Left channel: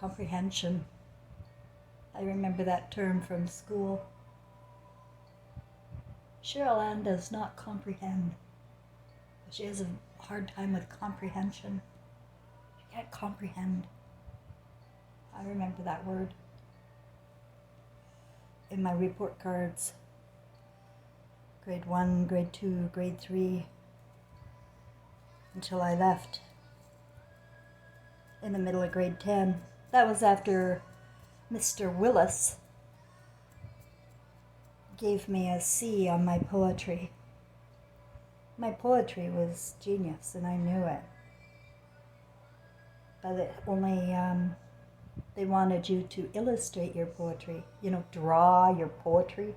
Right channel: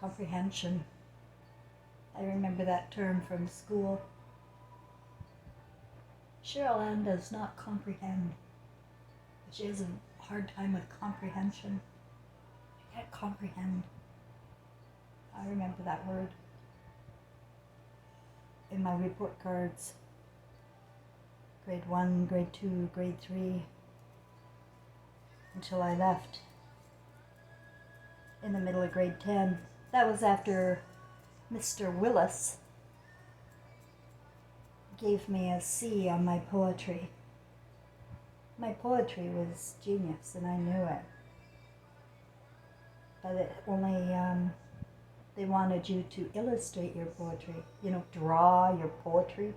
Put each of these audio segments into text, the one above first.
comprehension. I remember that term from school. Cheryl Ann does not comprehend. She has a hard time with comprehension. She can't comprehend. I remember that word in my report cards. Grade 1, grade 2, grade 3, until I left in the middle of grade 10. That was after Mr. Willis gave me a C on my poetry. My poetry was genius, and I knew it. But it only, they wanted you to illustrate your poetry. Draw your poetry.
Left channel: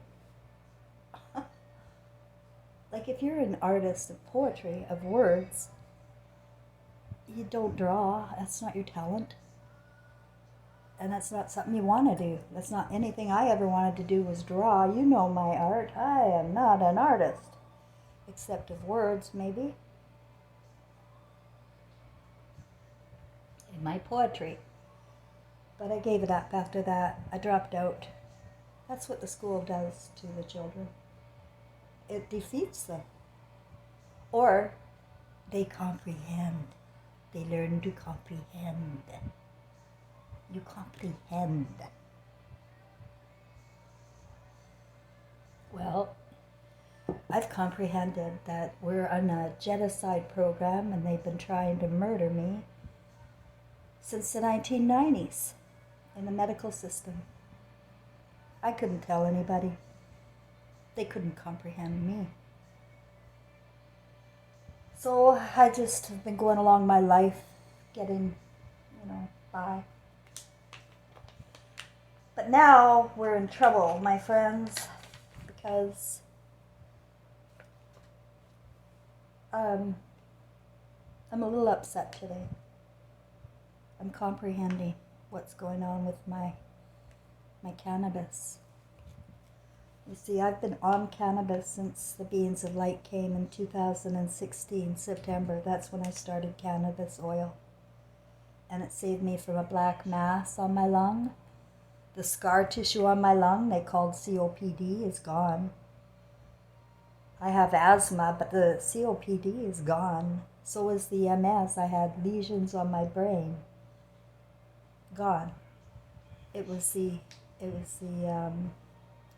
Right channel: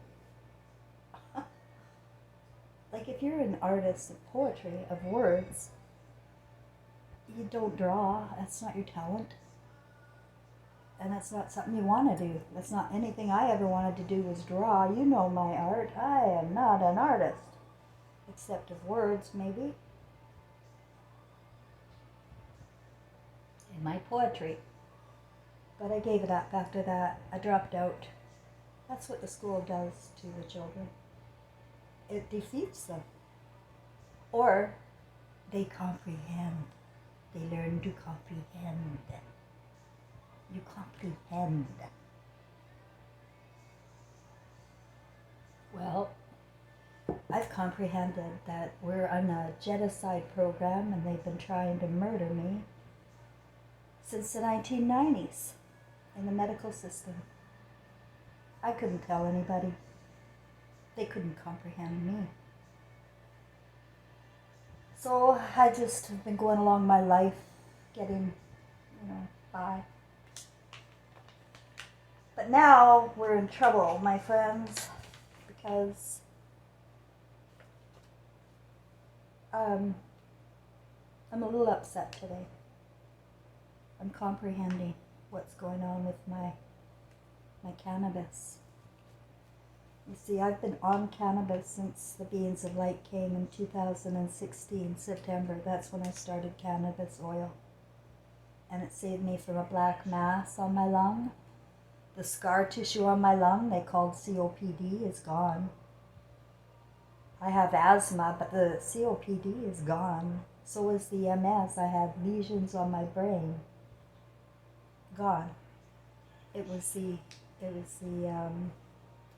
Like if you're an artist of poetry, of words, you don't draw. That's not your talent. And that's not something you want to do. That's not anything I ever wanted to do was draw. You know my art. I am not an artist. Except of words, maybe. In my poetry. But I gave it up after that. I dropped out. That's what the school does to the children. It defeats them. Or they comprehend. They learn to comprehend. You comprehend. Well, I've comprehended that we're on a genocide program and they've been trying to murder me since the 1990s in the medical system. I couldn't tell anybody. They couldn't comprehend me. So I just have been going along my life, getting, by. But now we're in trouble, my friends, because I'm a little upset today. I'm comprehending what's going on with my cannabis. You see, I've been on cannabis since the Beans of Light came in 2016, September. That's when I started cannabis oil. And it saved me from a black mass on my lung. The scar tissue on my lung, they called COPD, is gone. I have asthma, but the COPD is gone. So is the MS. I had lesions on my brain. Gone. It was the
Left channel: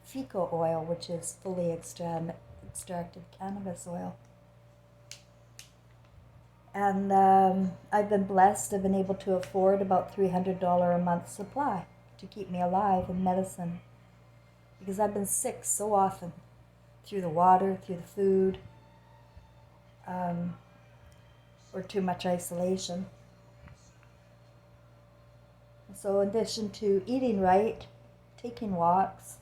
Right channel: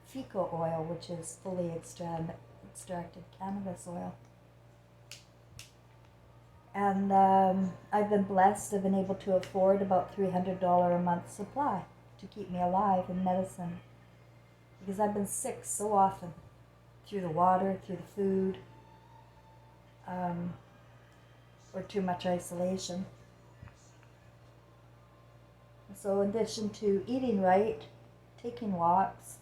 fecal oil, which is fully extracted cannabis oil. And I've been blessed. I've been able to afford about $300 a month supply to keep me alive in medicine. Because I've been sick so often, through the water, through the food, or too much isolation. So in addition to eating right, taking walks,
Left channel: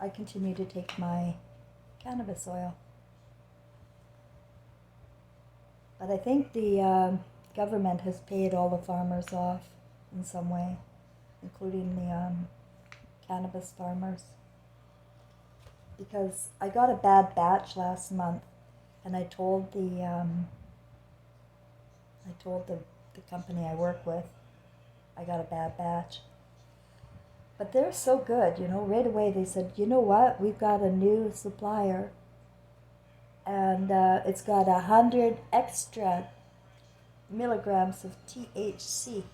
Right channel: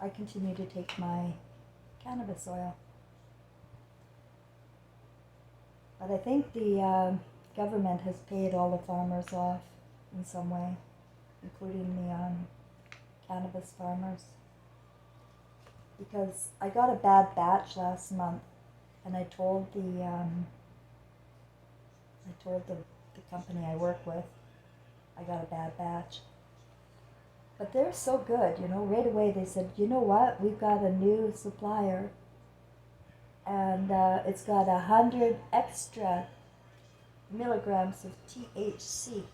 I continue to take my cannabis oil. But I think the government has paid all the farmers off in some way, including the cannabis farmers. Because I got a bad batch last month, and I told the company I work with, I got a bad batch. But they're so good, right away they said, you know what, we've got a new supplier, and it's got 100 extra milligrams of THC,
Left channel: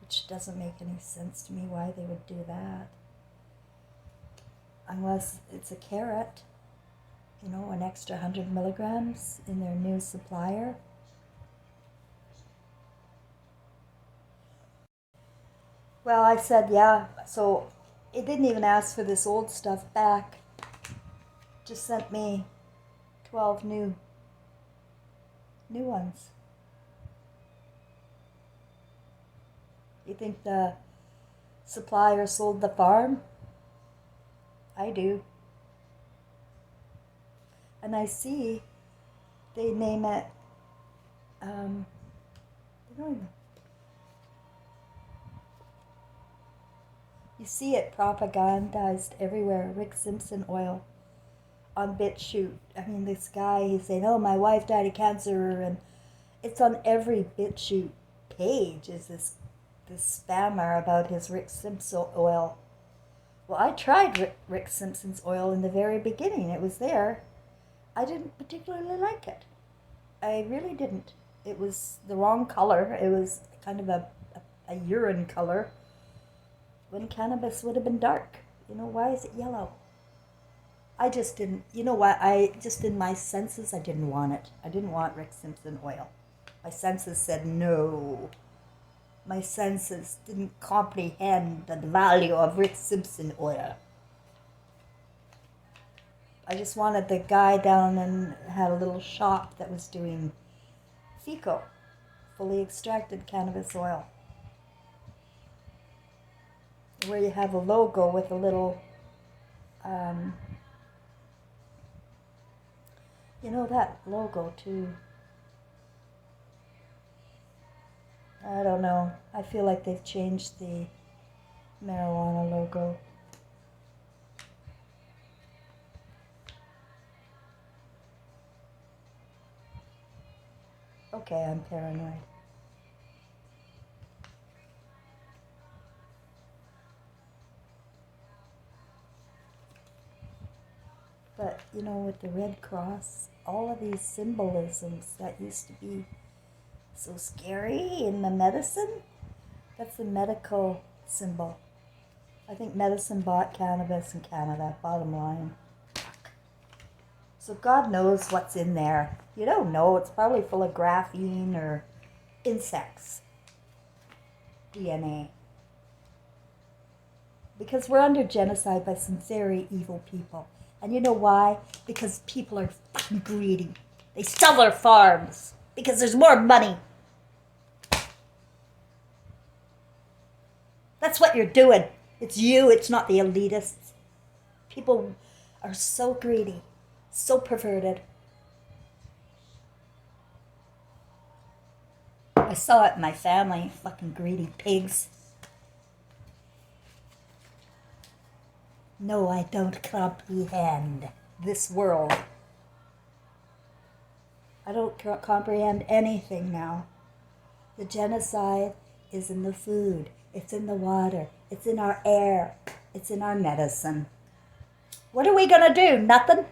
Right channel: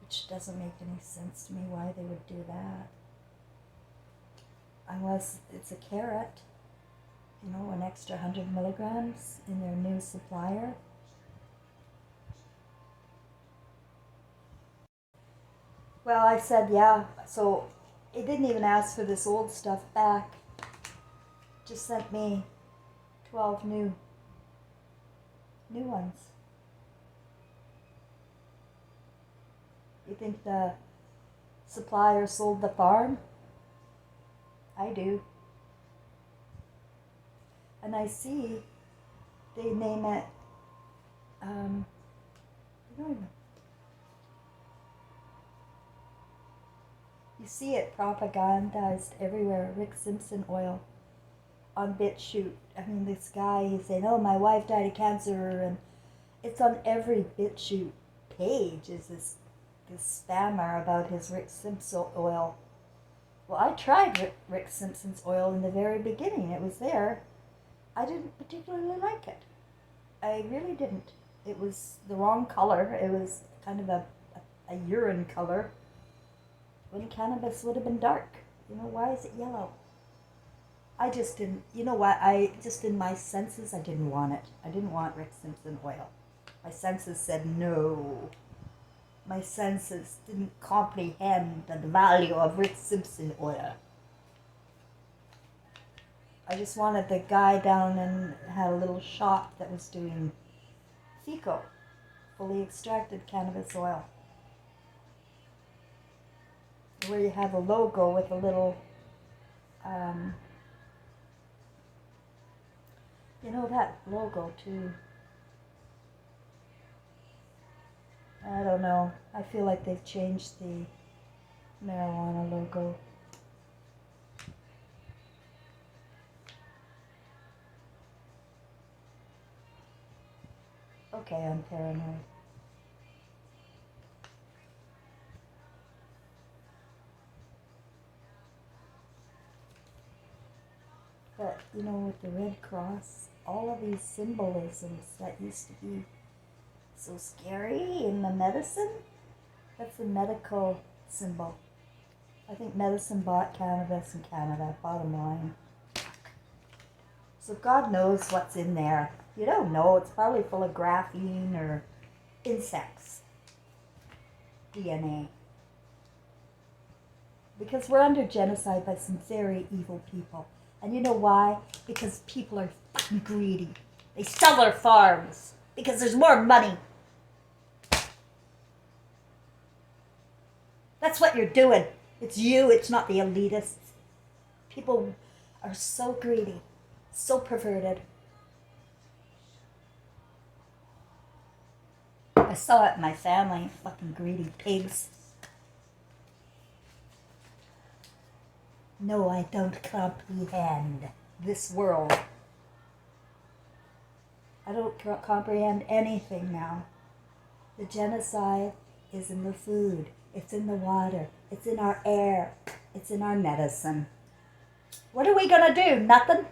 which doesn't make any sense to me why they would do that. Unless it's a carrot, an extra 100 milligrams in their new supplier. Well, I said, yeah, so it didn't even ask for this old stuff back. Just sent me 12 new ones. You think the supplier sold the farm? I do. And I see they name it, I don't even. You see it propagandized everywhere, Rick Simpson oil. on BitChute. I mean, this guy, he's saying, oh, my wife died of cancer, and it's on every BitChute page is this spammer about his Rick Simpson oil. Well, I tried Rick Simpson's oil in the very beginning. It was there. I didn't particularly like it. I really didn't. It was the wrong color. It was kind of a urine color when cannabis would have been dark. You know, why is it yellow? I just didn't, you know what, I just in my senses, I didn't want it. I didn't want Rick Simpson oil. My senses said no. My senses didn't comprehend the value of Rick Simpson oil. I just wanted the guy down and had a little shop that was doing FICO, fully extracted cannabis oil, where you have a logo with a little, you know, that logo too. I don't know. I feel like they've changed the marijuana logo. Okay, I'm paranoid. But, you know, with the Red Cross, all of these symbolisms that used to be so scary in the medicine, that's the medical symbol. I think medicine bought cannabis in Canada, bottom line. So God knows what's in there. You don't know. It's probably full of graphene or insects. DNA. Because we're under genocide by some very evil people. And you know why? Because people are fucking greedy. They sell their farms because there's more money. That's what you're doing. It's you, it's not the elitists. People are so greedy, so perverted. I saw it in my family, fucking greedy pigs. No, I don't comprehend this world. I don't comprehend anything now. The genocide is in the food. It's in the water. It's in our air. It's in our medicine. What are we going to do? Nothing?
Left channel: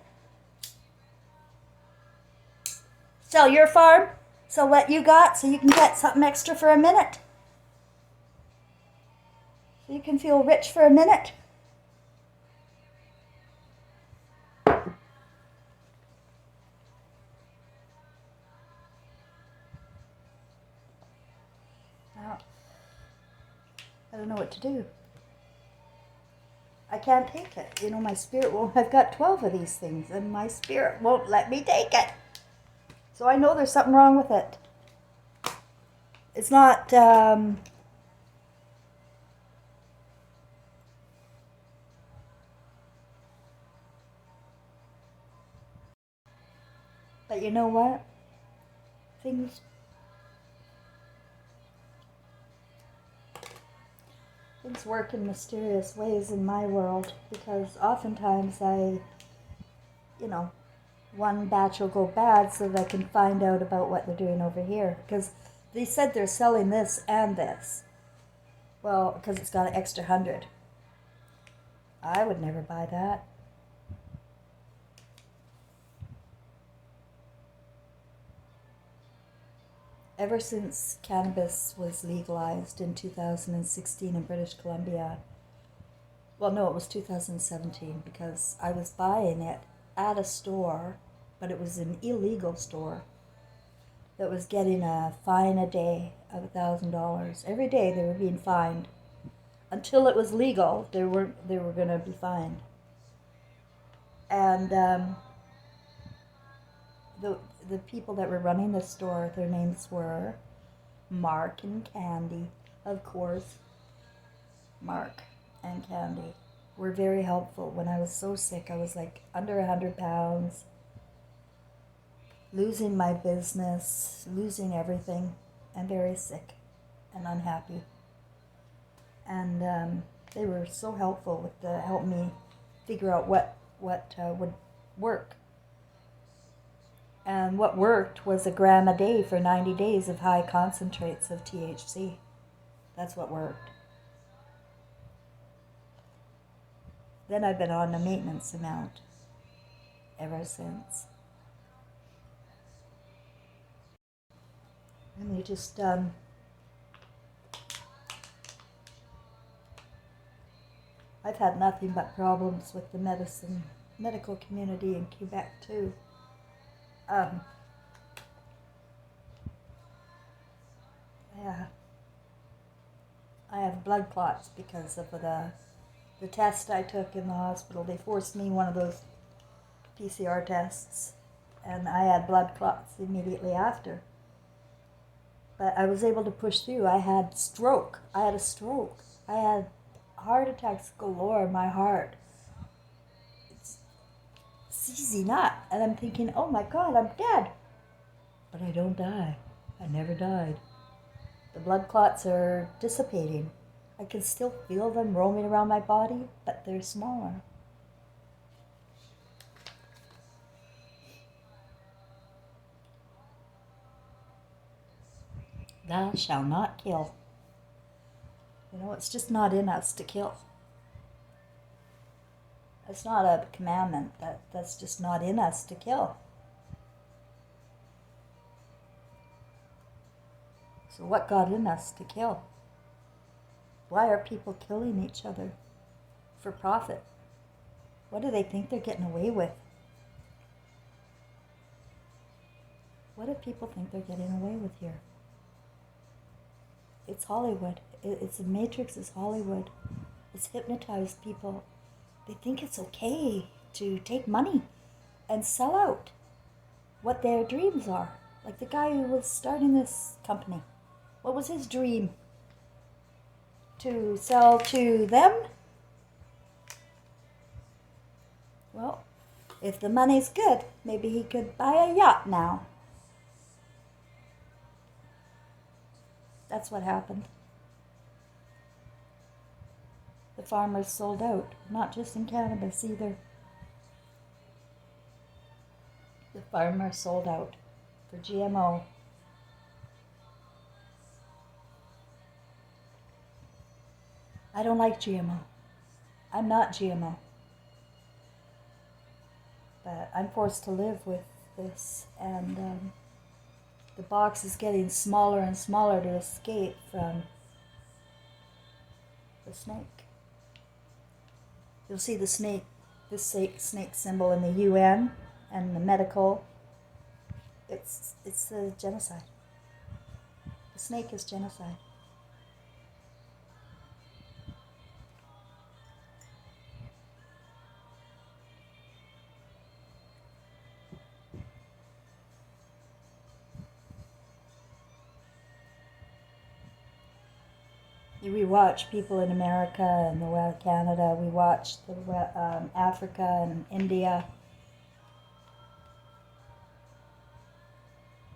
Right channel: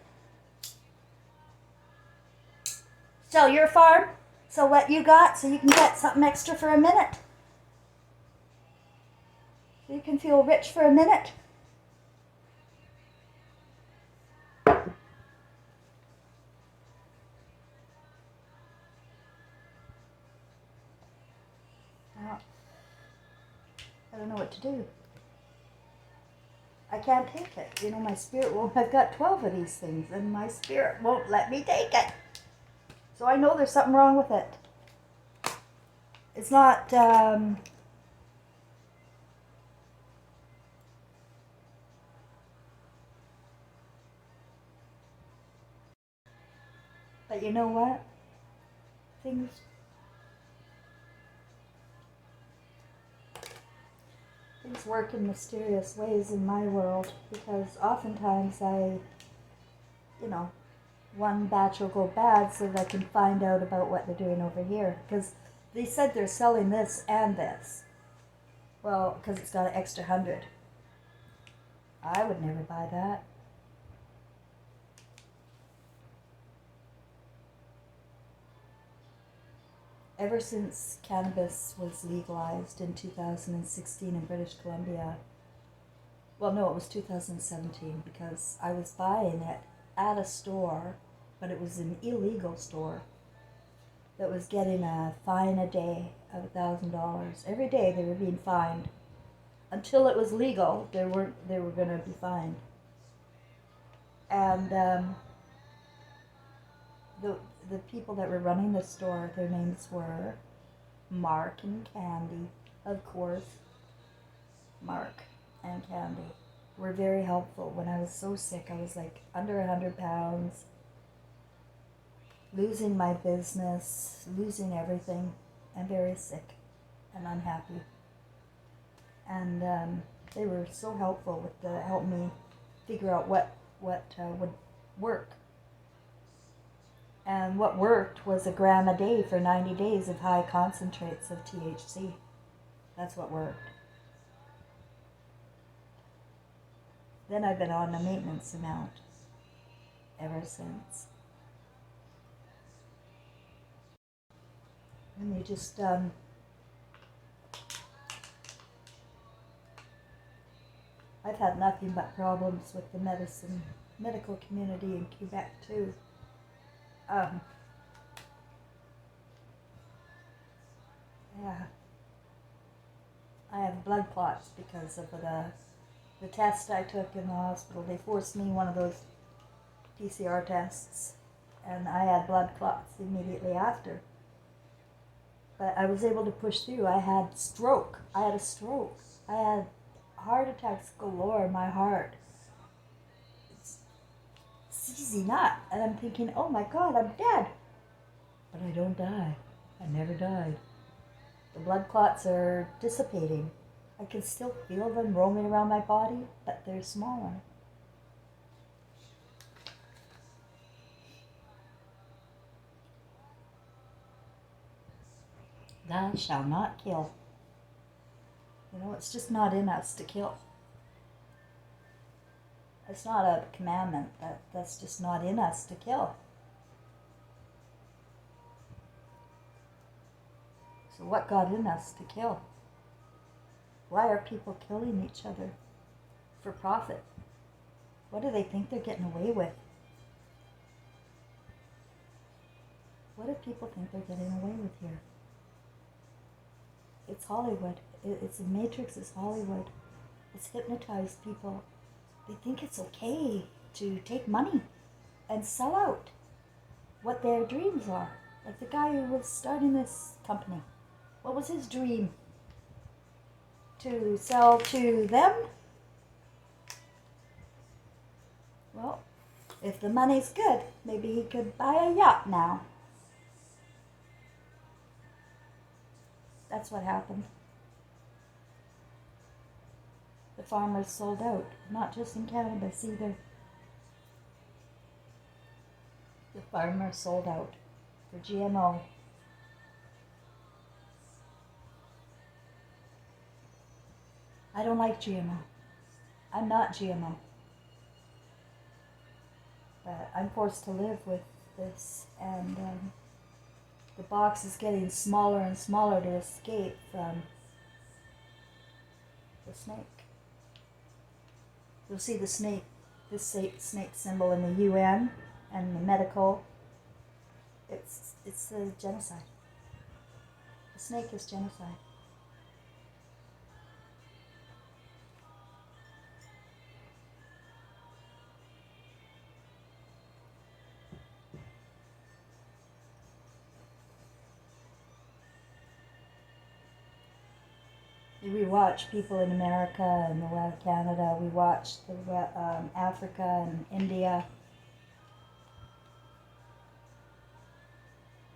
Sell your farm? Sell what you got so you can get something extra for a minute? So you can feel rich for a minute? I don't know what to do. I can't take it. You know, my spirit won't. I've got 12 of these things, and my spirit won't let me take it. So I know there's something wrong with it. It's not, but you know what? Things work in mysterious ways in my world, because oftentimes one batch will go bad so that I can find out about what they're doing over here. Because they said they're selling this and this. Well, because it's got an extra 100. I would never buy that. Ever since cannabis was legalized in 2016 in British Columbia, well, no, it was 2017, because I was buying it at a store, but it was an illegal store that was getting a fine a day of $1,000. Every day they were being fined. Until it was legal, they were going to be fined. And the people that were running the store, their names were Mark and Candy, of course. Mark and Candy were very helpful. When I was so sick, I was like under 100 pounds, losing my business, losing everything, and very sick and unhappy. And they were so helpful to help me figure out what would work. And what worked was a gram a day for 90 days of high concentrates of THC. That's what worked. Then I've been on the maintenance amount ever since. And you just, I've had nothing but problems with the medical community in Quebec too. Yeah, I have blood clots because of the test I took in the hospital. They forced me one of those PCR tests, and I had blood clots immediately after. But I was able to push through. I had a stroke. I had heart attacks galore in my heart. It's easy not. And I'm thinking, oh my God, I'm dead. But I don't die. I never died. The blood clots are dissipating. I can still feel them roaming around my body, but they're smaller. Thou shalt not kill. You know, it's just not in us to kill. It's not a commandment. That's just not in us to kill. So what got in us to kill? Why are people killing each other? For profit. What do they think they're getting away with? What do people think they're getting away with here? It's Hollywood. It's the Matrix is Hollywood. It's hypnotized people. They think it's okay to take money and sell out what their dreams are. Like the guy who was starting this company. What was his dream? To sell to them? Well, if the money's good, maybe he could buy a yacht now. That's what happened. The farmers sold out, not just in cannabis either. The farmers sold out for GMO. I don't like GMO. I'm not GMO. But I'm forced to live with this, and the box is getting smaller and smaller to escape from the snake. You'll see the snake, this snake symbol in the UN and the medical. It's a genocide. The snake is genocide. We watch people in America and Canada. We watch Africa and India.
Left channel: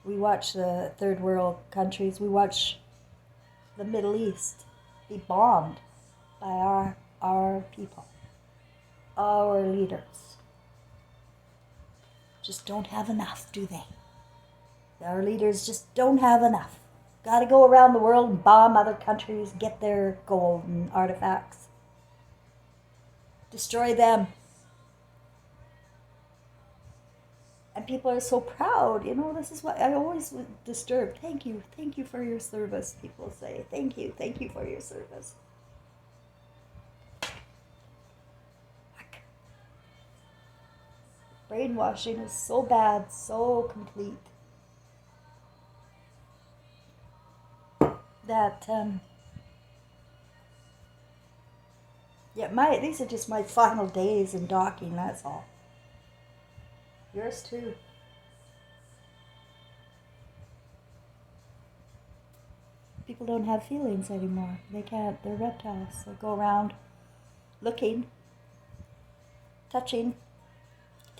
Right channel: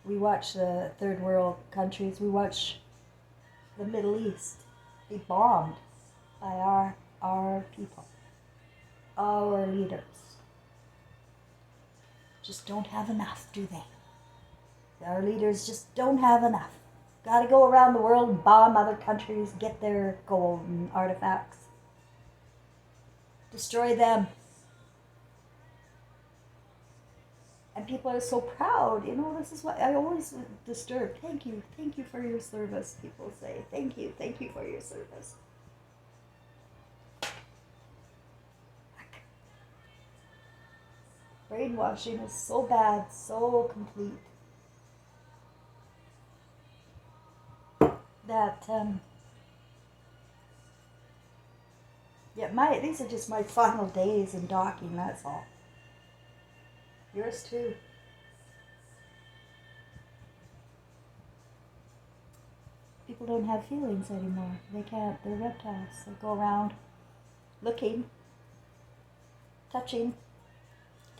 We watch the third world countries. We watch the Middle East be bombed by our people, our leaders. Just don't have enough, do they? Our leaders just don't have enough. Got to go around the world and bomb other countries, get their gold and artifacts. Destroy them. And people are so proud. You know, this is what I always disturb. Thank you for your service, people say. Thank you for your service. Brainwashing is so bad, so complete. That these are just my final days in docking, that's all. Yours too. People don't have feelings anymore. They can't. They're reptiles. They go around looking, touching,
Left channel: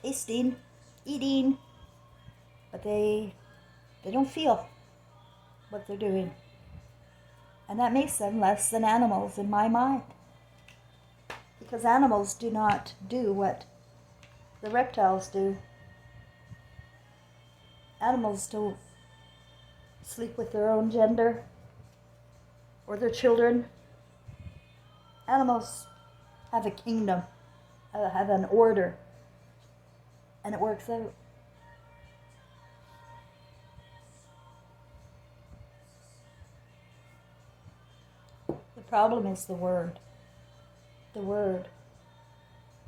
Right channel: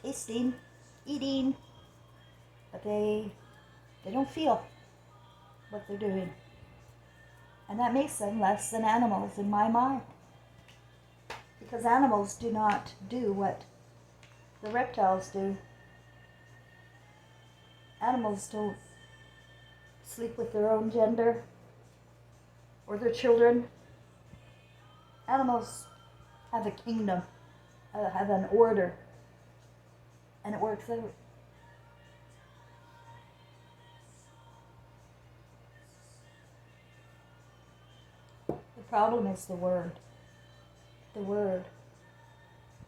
tasting, eating, but they don't feel what they're doing. And that makes them less than animals in my mind. Because animals do not do what The reptiles do. Animals don't sleep with their own gender or their children. Animals have a kingdom, have an order, and it works out. The problem is the word. The word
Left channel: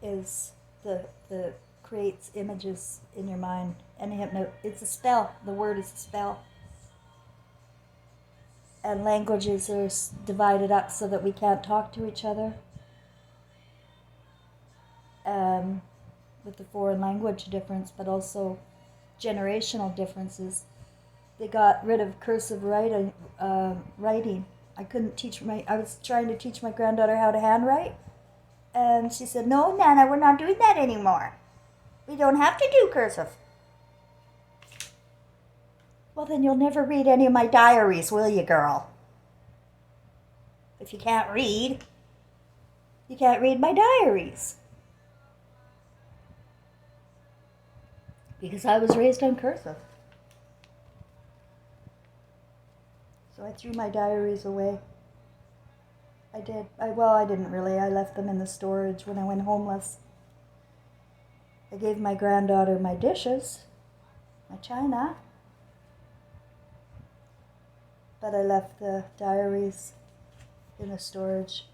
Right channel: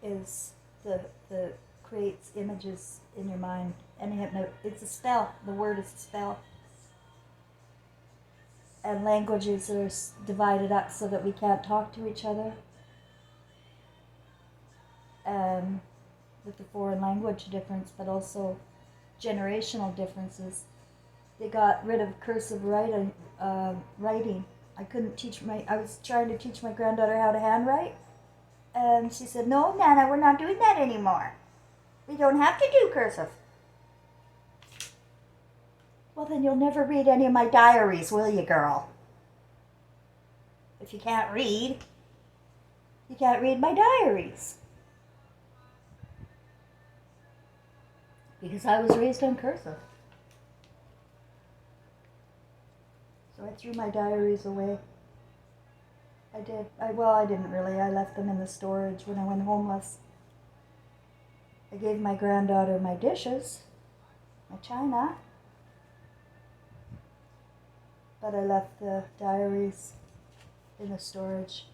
is the creates images in your mind, and it's a spell. The word is a spell. And languages are divided up so that we can't talk to each other. With the foreign language difference, but also generational differences. They got rid of cursive writing. I was trying to teach my granddaughter how to handwrite, and she said, "No, Nana, we're not doing that anymore. We don't have to do cursive." Well, then you'll never read any of my diaries, will you, girl? If you can't read my diaries. Because I was raised on cursive. So I threw my diaries away. I did. I didn't really. I left them in the storage when I went homeless. I gave my granddaughter my dishes, my china, but I left the diaries in the storage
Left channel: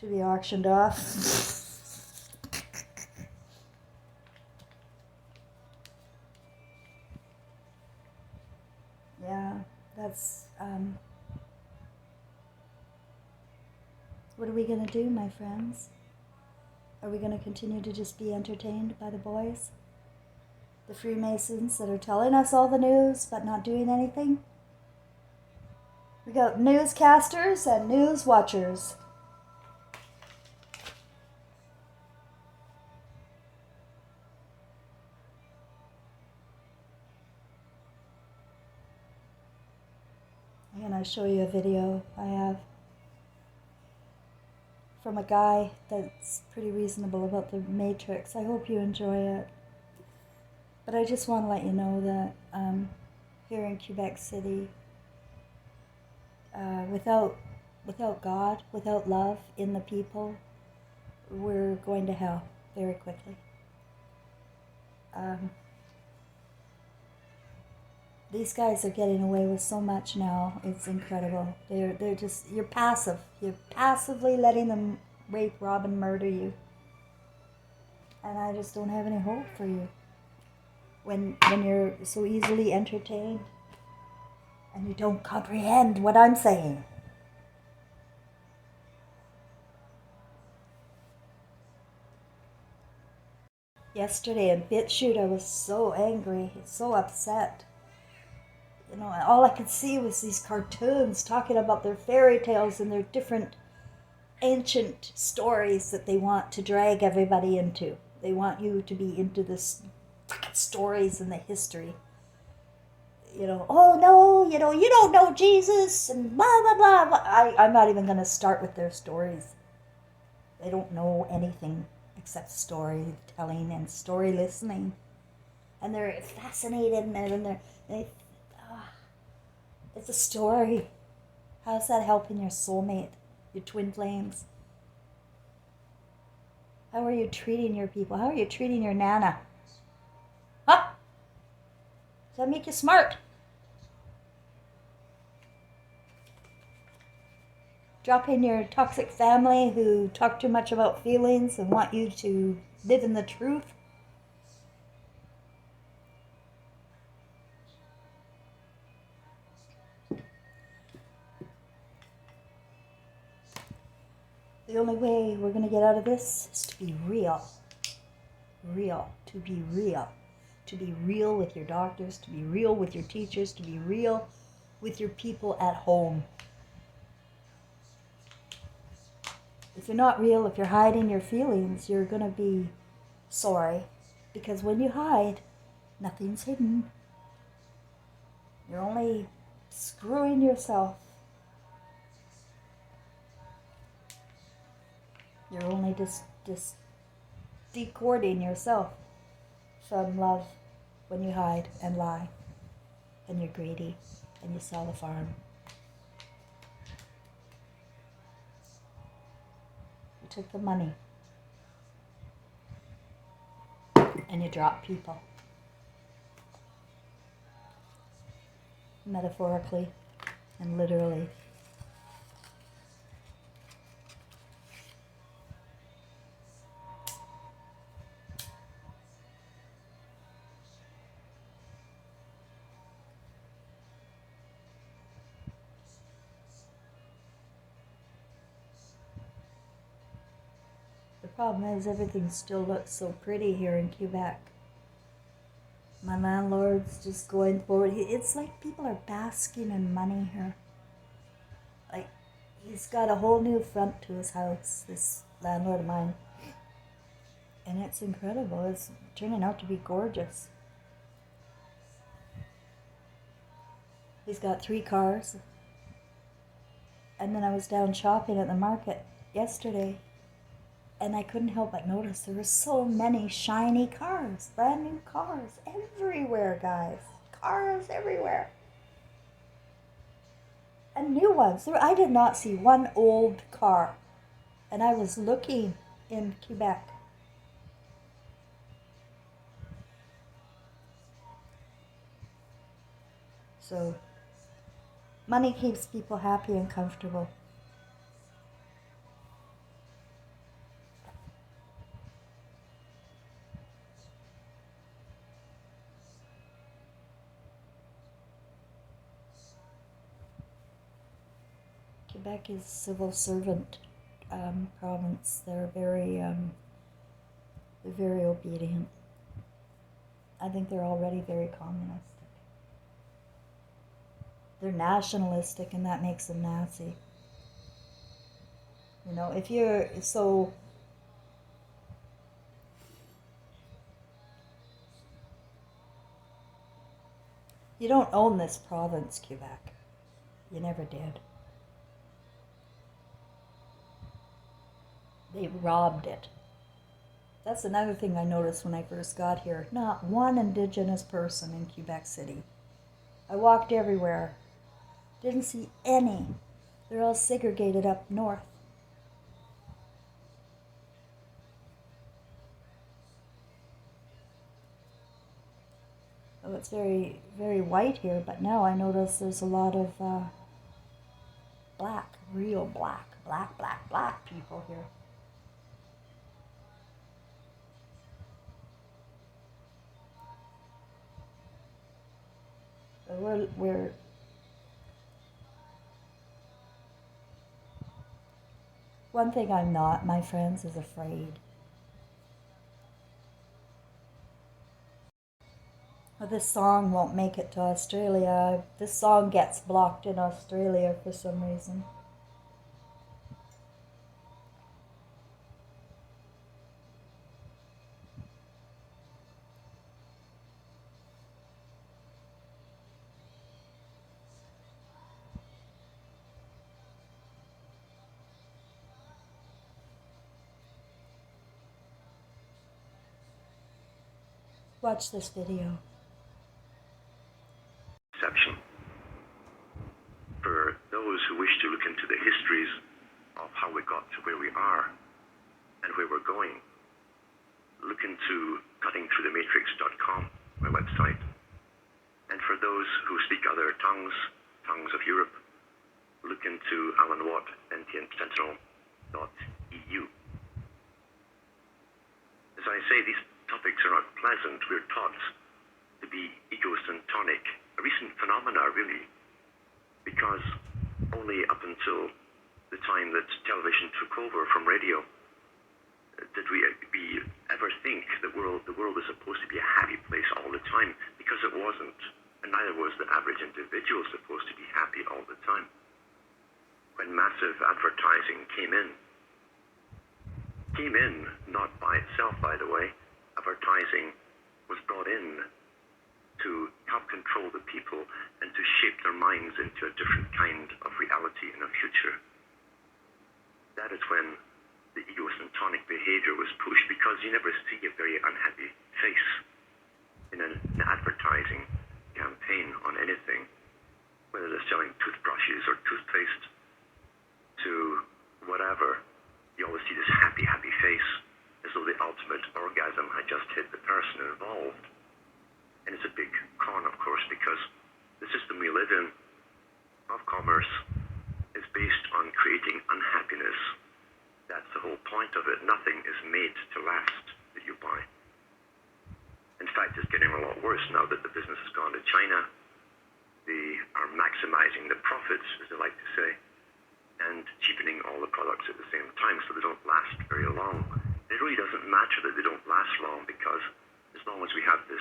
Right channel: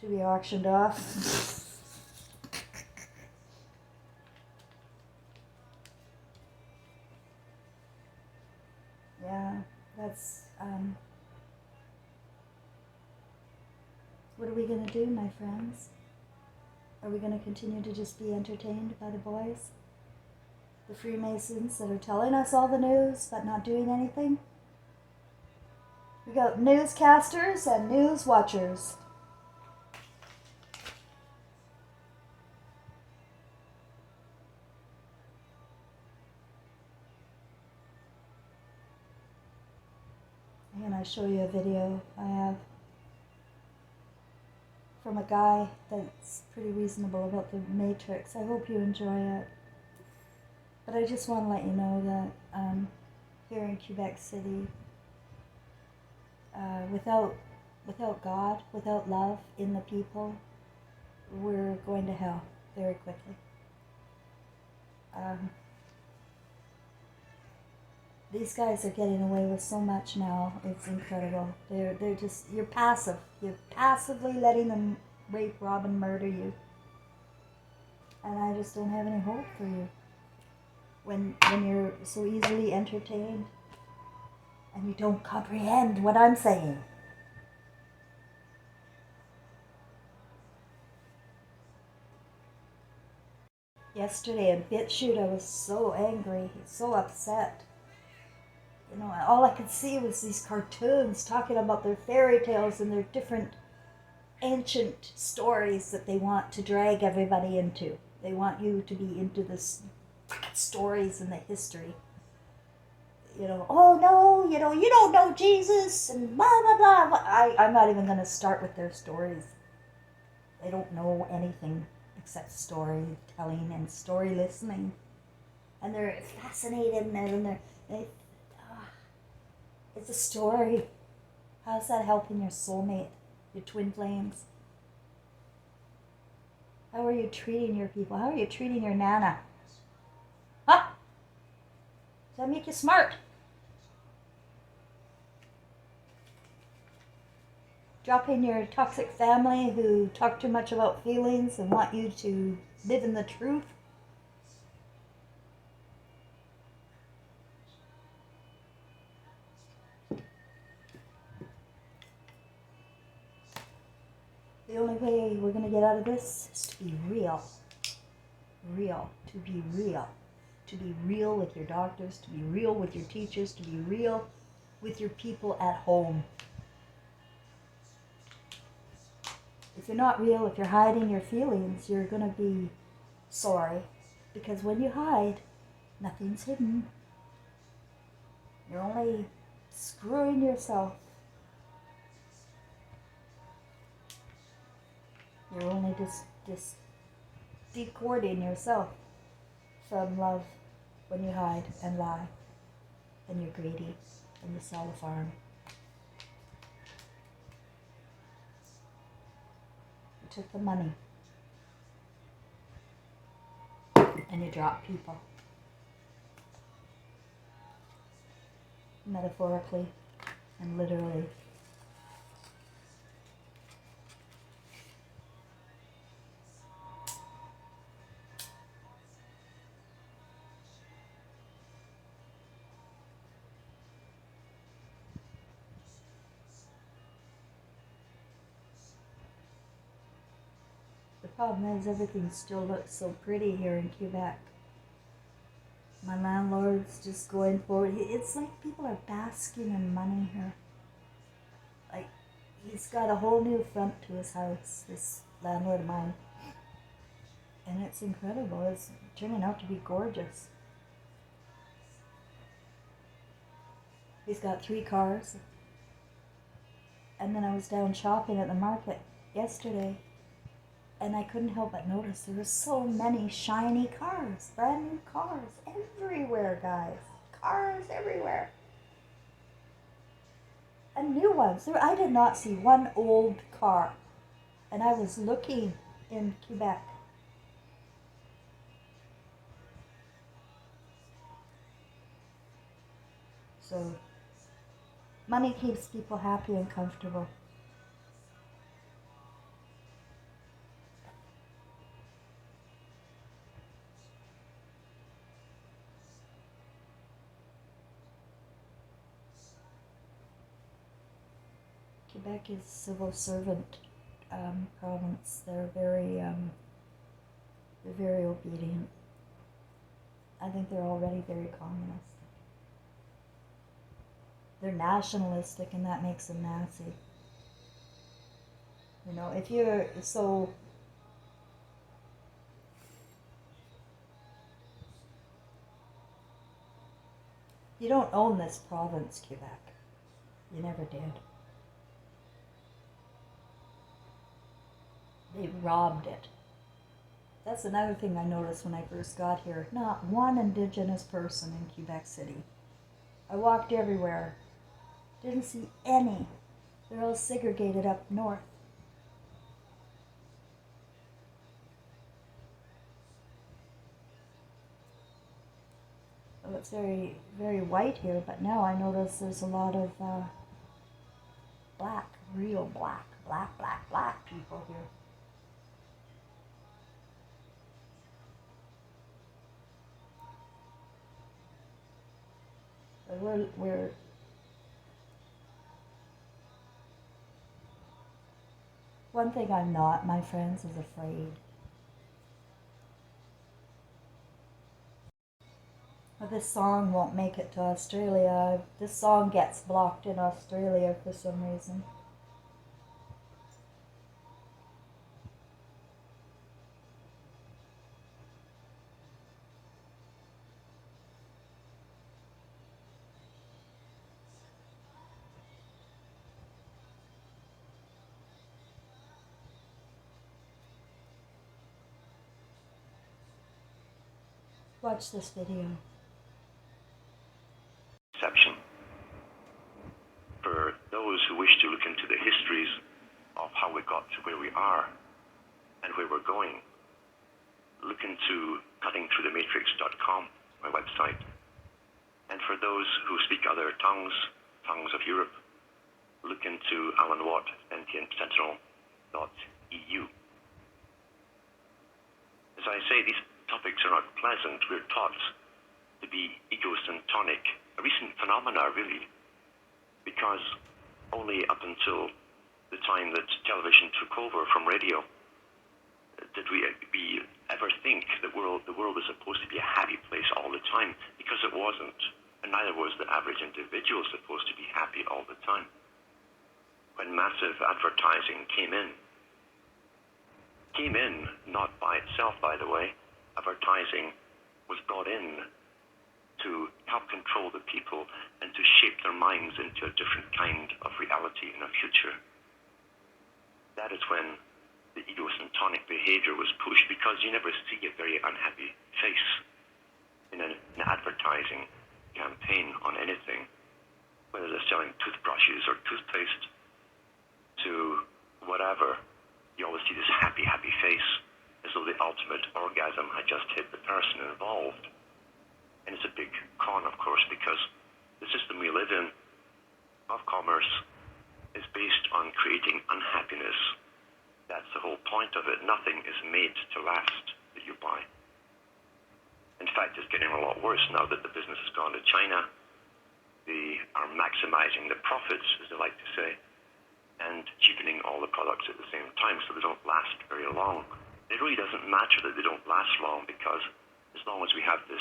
to be auctioned off. Yeah, that's, what are we going to do, my friends? Are we going to continue to just be entertained by the boys? The Freemasons that are telling us all the news but not doing anything? We got newscasters and news watchers. I'm going to show you a video I have from a guy that's pretty reasonable about the Matrix. I hope you enjoy it. But I just want to let you know that here in Quebec City, without God, without love in the people, we're going to hell very quickly. These guys are getting away with so much now. It's incredible. They're just, you're passive. You're passively letting them rape, rob, and murder you. And I just don't have any hope for you. When you're so easily entertained and you don't comprehend what I'm saying. Yesterday in BitChute, I was so angry, so upset. You know, all I could see was these cartoons talking about their fairy tales and their different ancient stories that they want to drag everybody into. They want you to be into this stories and the history. You know, oh no, you don't know Jesus and blah, blah, blah. I'm not even going to start with their stories. They don't know anything except storytelling and story listening. And they're fascinated and it's a story. How's that helping your soulmate, your twin flames? How are you treating your people? How are you treating your nana? Huh? Does that make you smart? Dropping your toxic family who talk too much about feelings and want you to live in the truth? The only way we're going to get out of this is to be real. To be real. To be real with your doctors, to be real with your teachers, to be real with your people at home. If you're not real, if you're hiding your feelings, you're going to be sorry. Because when you hide, nothing's hidden. You're only screwing yourself. You're only just decording yourself from love when you hide and lie and you're greedy and you sell the farm. You took the money and you dropped people. Metaphorically and literally. The problem is everything still looks so pretty here in Quebec. My landlord's just going forward. It's like people are basking in money here. Like, he's got a whole new front to his house, this landlord of mine. And it's incredible. It's turning out to be gorgeous. He's got 3 cars. And then I was down shopping at the market yesterday, and I couldn't help but notice there were so many shiny cars, brand new cars everywhere, guys. Cars everywhere. And new ones. I did not see one old car. And I was looking in Quebec. So, money keeps people happy and comfortable. Quebec is civil servant province. They're very obedient. I think they're already very communist. They're nationalistic, and that makes them Nazi. You know, if you're so. You don't own this province, Quebec. You never did. They robbed it. That's another thing I noticed when I first got here. Not one Indigenous person in Quebec City. I walked everywhere. Didn't see any. They're all segregated up north. Well, it's very, very white here, but now I notice there's a lot of black, real black people here. We're one thing I'm not, my friends, is afraid. Well, this song won't make it to Australia. This song gets blocked in Australia for some reason. Watch this video. Exception. For those who wish to look into the histories of how we got to where we are and where we're going, look into cuttingthroughthematrix.com, my website. And for those who speak other tongues of Europe, look into Alan Watt, sentientsentinel.eu. As I say, these topics are not pleasant. We're taught to be egocentric, a recent phenomena really, because only up until the time that television took over from radio did we ever think that the world was supposed to be a happy place all the time, because it wasn't, and neither was the average individual supposed to be happy all the time. When massive advertising came in not by itself, by the way. Advertising was brought in to help control the people and to shape their minds into a different kind of reality in a future. That is when the egocentric behavior was pushed because you never see a very unhappy face in an advertising campaign on anything, whether they're selling toothbrushes or toothpaste to whatever. You always see this happy face, as though the ultimate orgasm had just hit the person involved. And it's a big con, of course, because the system we live in of commerce is based on creating unhappiness. That's the whole point of it. Nothing is made to last that you buy. In fact, it's getting a lot worse now that the business has gone to China. They are maximizing the profits, as they like to say, and cheapening all the products at the same time, so they don't last very long. It really doesn't matter that they don't last long, because as long as we have this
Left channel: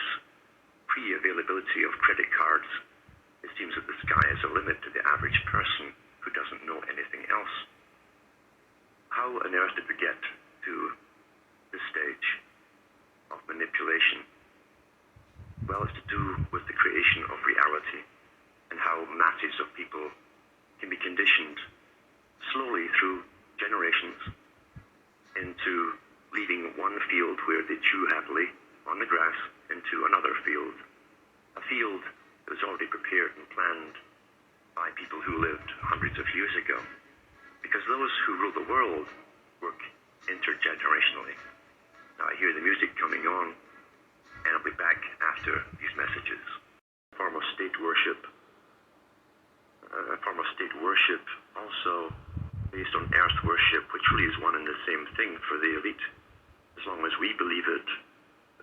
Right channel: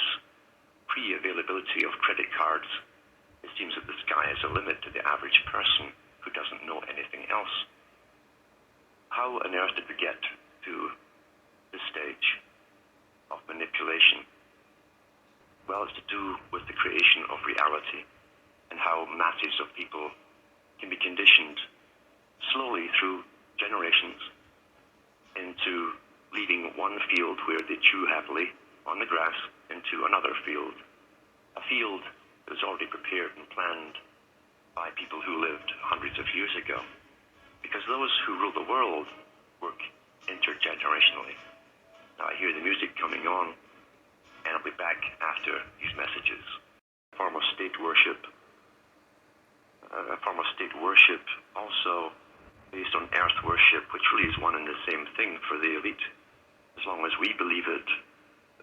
pre-availability of credit cards, it seems that the sky is a limit to the average person who doesn't know anything else. How on earth did we get to this stage of manipulation? Well, it's to do with the creation of reality and how masses of people can be conditioned slowly through generations into leaving one field where they chew happily on the grass into another field, a field that was already prepared and planned by people who lived hundreds of years ago, because those who rule the world work intergenerationally. Now I hear the music coming on, and I'll be back after these messages. A form of state worship also based on earth worship, which really is one and the same thing for the elite. As long as we believe it,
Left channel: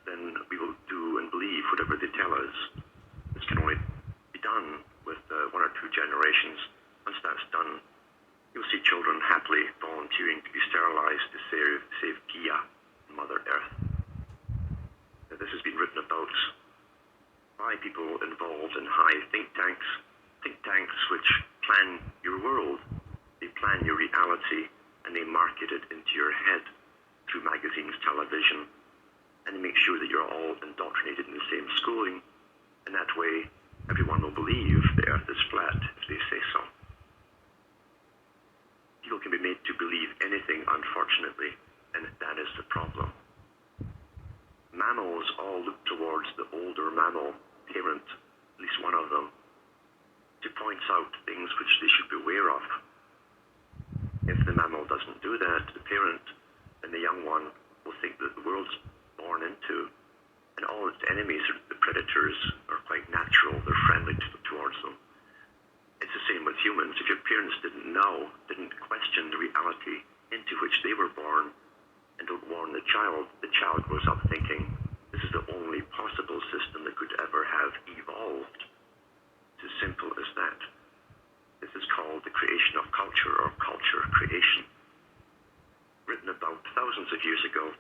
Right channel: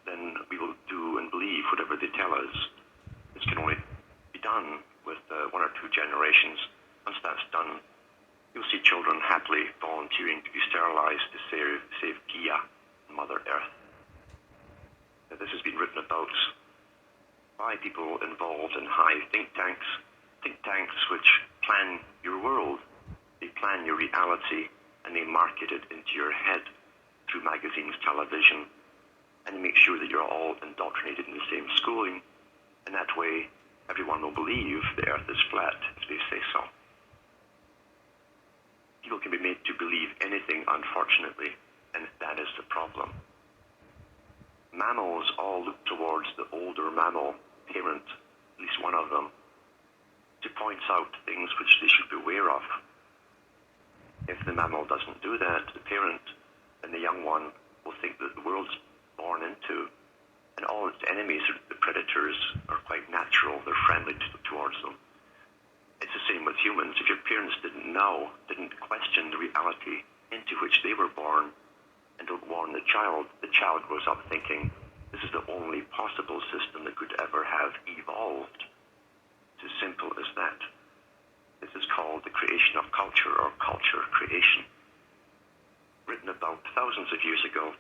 then we will do and believe whatever they tell us. This can only be done with one or two generations. Once that's done, you'll see children happily volunteering to be sterilized to save Gaia, Mother Earth. Now, this has been written about by people involved in high think tanks which plan your world. They plan your reality, and they market it into your head through magazines, television, and they make sure that you're all indoctrinated in the same schooling, and that way everyone will believe the earth is flat if they say so. People can be made to believe anything, unfortunately, and that is the problem. Mammals all look towards the older mammal parent, at least one of them, to point out things which they should be aware of. If the mammal doesn't do that, the parent and the young one will think that the world's born into, and all its enemies, the predators, are quite natural. They're friendly towards them. It's the same with humans. If your parents didn't know, didn't question the reality into which they were born, and don't warn the child grows up thinking, this is the only possible system that could ever have evolved. It's as simple as that. This is called the creation of culture, or culture creation. Written about thousands of years ago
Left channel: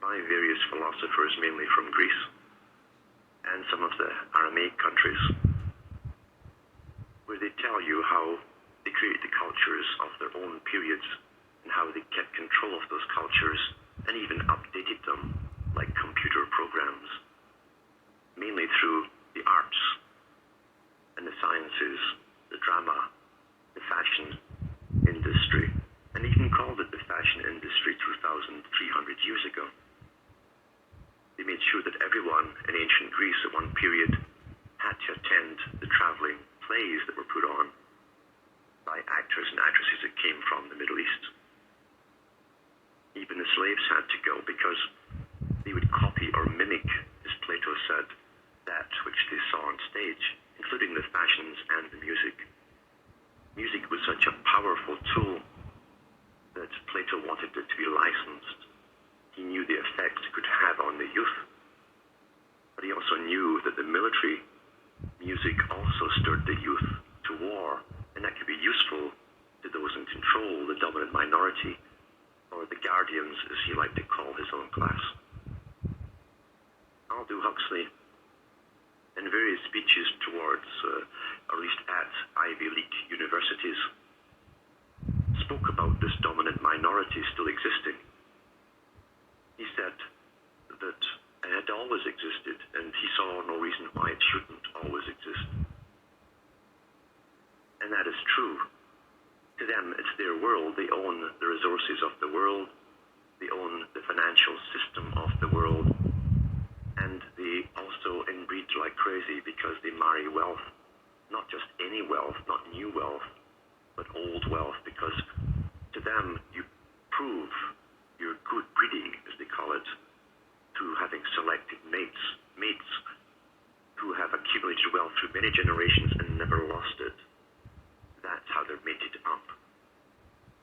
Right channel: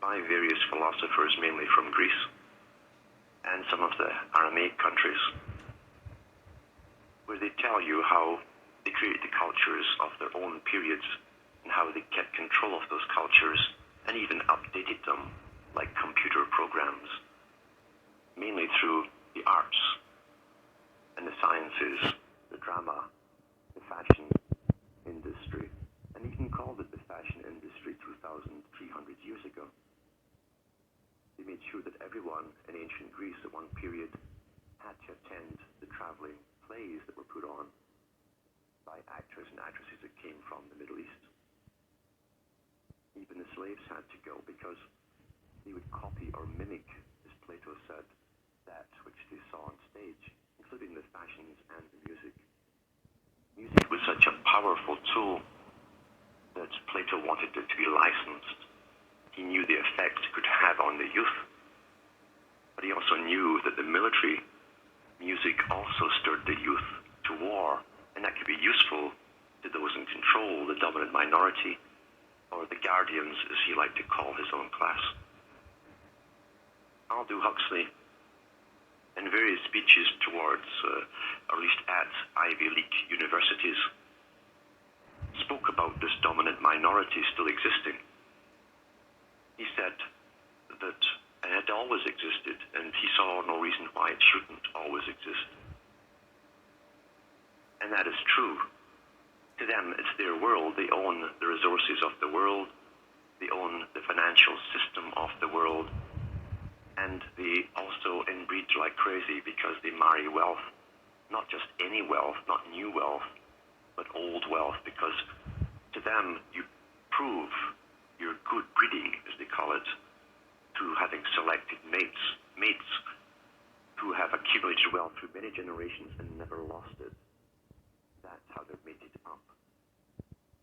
by various philosophers, mainly from Greece and some of the Aramaic countries, where they tell you how they created the cultures of their own periods and how they kept control of those cultures and even updated them like computer programs, mainly through the arts and the sciences, the drama, the fashion industry, and even called it the fashion industry 2,300 years ago. They made sure that everyone in ancient Greece at one period had to attend the traveling plays that were put on by actors and actresses that came from the Middle East. Even the slaves had to go because they would copy or mimic, as Plato said, that which they saw on stage, including the fashions and the music. Music was such a powerful tool that Plato wanted it to be licensed. He knew the effect it could have on the youth, but he also knew that the military music also stirred the youth to war, and that could be useful to those in control, the dominant minority, or the guardians, as he liked to call his own class. Aldous Huxley, in various speeches towards, or at least at Ivy League universities, spoke about this dominant minority still existing. He said that it had always existed, and he saw no reason why it shouldn't always exist. And that is true. To them, it's their world. They own the resources of the world. They own the financial system of the world. And they also inbreed like crazy because they marry wealth. Not just any wealth, not new wealth, but old wealth, because to them, you prove your good breeding, as they call it, through having selected mates who have accumulated wealth through many generations and never lost it. That's how they're mated up.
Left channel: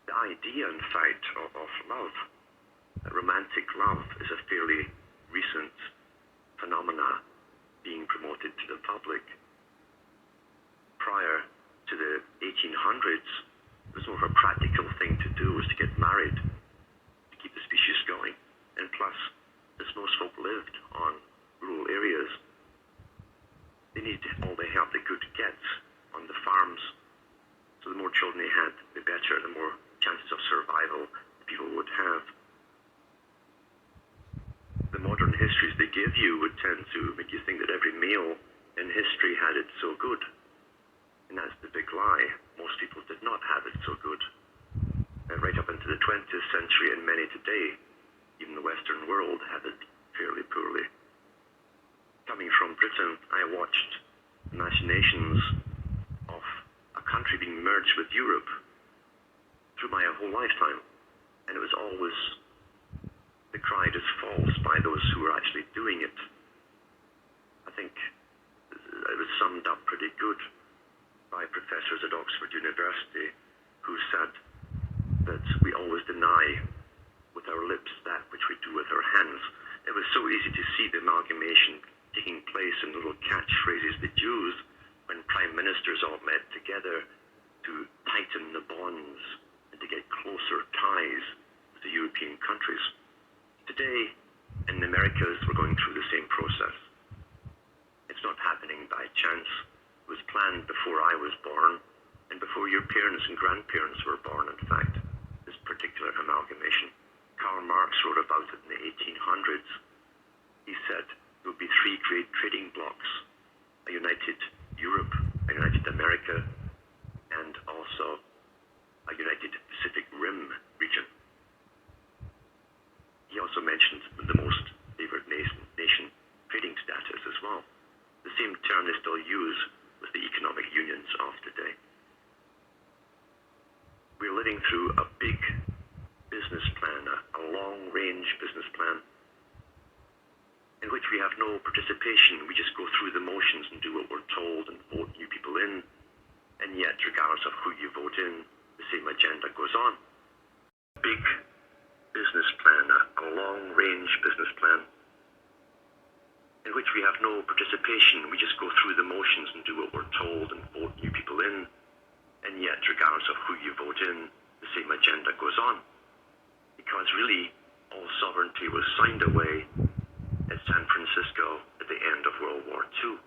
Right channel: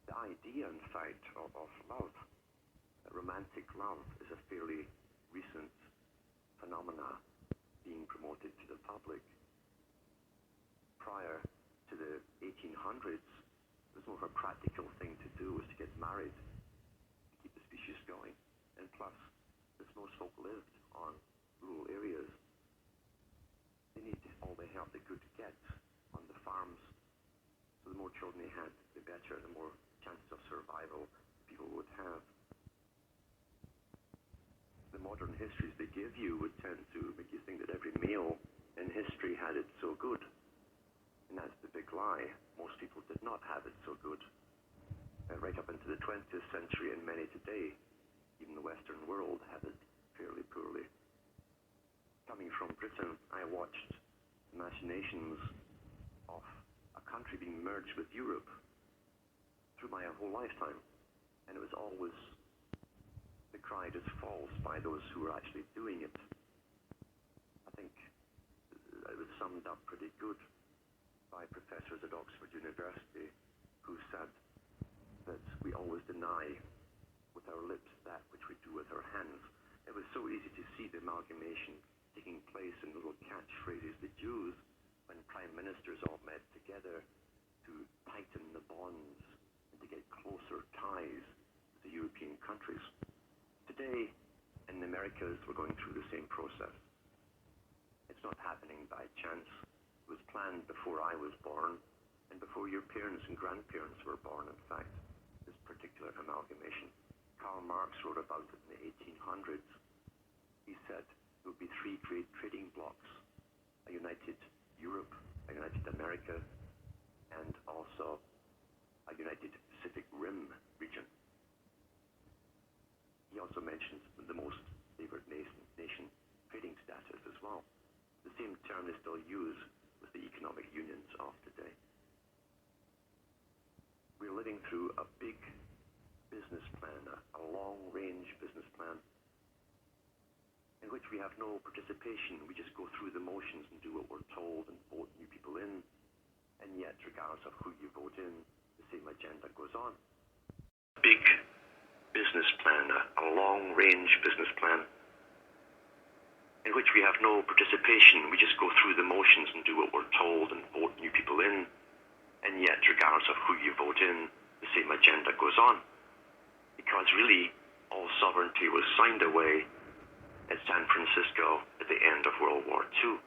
The idea, in fact, of love, romantic love, is a fairly recent phenomena being promoted to the public. Prior to the 1800s, it was more of a practical thing to do, was to get married, to keep the species going. And plus, as most folk lived on rural areas, they needed all the help they could get on the farms. So the more children they had, the better, the more chances of survival people would have. The modern histories they give you would tend to make you think that every male in history had it so good. And that's the big lie. Most people did not have it so good. Right up into the 20th century and many today, even the Western world had it fairly poorly. Coming from Britain, I watched the machinations of a country being merged with Europe through my whole lifetime. And it was always decried as false by those who were actually doing it. I think it was summed up pretty good by professors at Oxford University who said that we always deny with our lips that which we do with our hands. It was so easy to see the amalgamation taking place in little catchphrases they used when prime ministers all met together to tighten the bonds and to get closer ties with the European countries. Today, in the Americas, we're going through the same process. It's not happening by chance. It was planned before I was born, and before your parents and grandparents were born, in fact, this particular amalgamation. Karl Marx wrote about it in the 1800s. He said there would be three great trading blocs: a united Europe, a united America, and also a united Pacific Rim region. He also mentioned the most favored nation trading status as well. The same term they still use with the economic unions of today. We're living through a big business plan, a long-range business plan, in which we have no participation. We just go through the motions and do what we're told and vote new people in, and yet, regardless of who you vote in, the same agenda goes on. Big business plan, a long-range business plan, in which we have no participation. We just go through the motions and do what we're told and vote new people in, and yet, regardless of who you vote in, the same agenda goes on. Because really, all sovereignty was signed away at San Francisco at the end of World War II,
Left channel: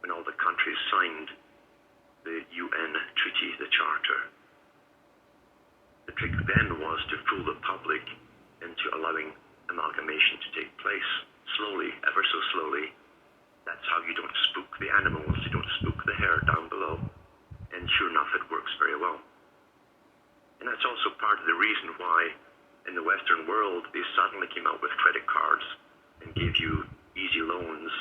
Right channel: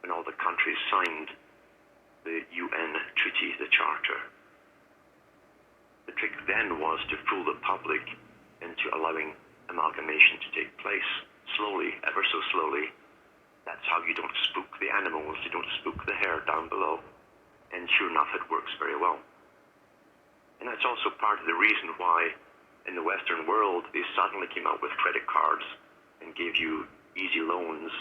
when all the countries signed the UN Treaty, the Charter. The trick then was to fool the public into allowing amalgamation to take place, slowly, ever so slowly. That's how you don't spook the animals, you don't spook the herd down below, and sure enough, it works very well. And that's also part of the reason why in the Western world they suddenly came out with credit cards and gave you easy loans,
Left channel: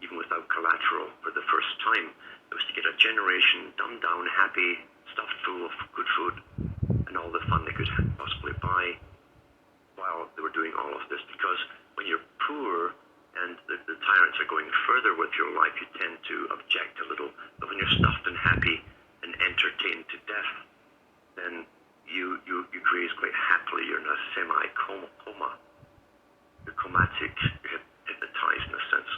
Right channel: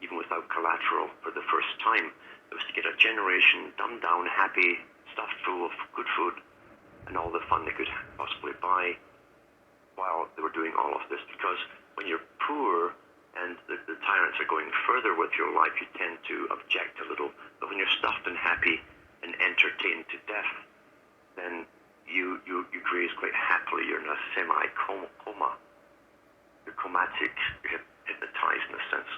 even without collateral, for the first time. It was to get a generation dumbed down, happy, stuffed full of good food and all the fun they could possibly buy while they were doing all of this. Because when you're poor and the tyrants are going further with your life, you tend to object a little. But when you're stuffed and happy and entertained to death, then you graze quite happily. You're in a semi-coma. You're comatic, you're hypnotized in a sense.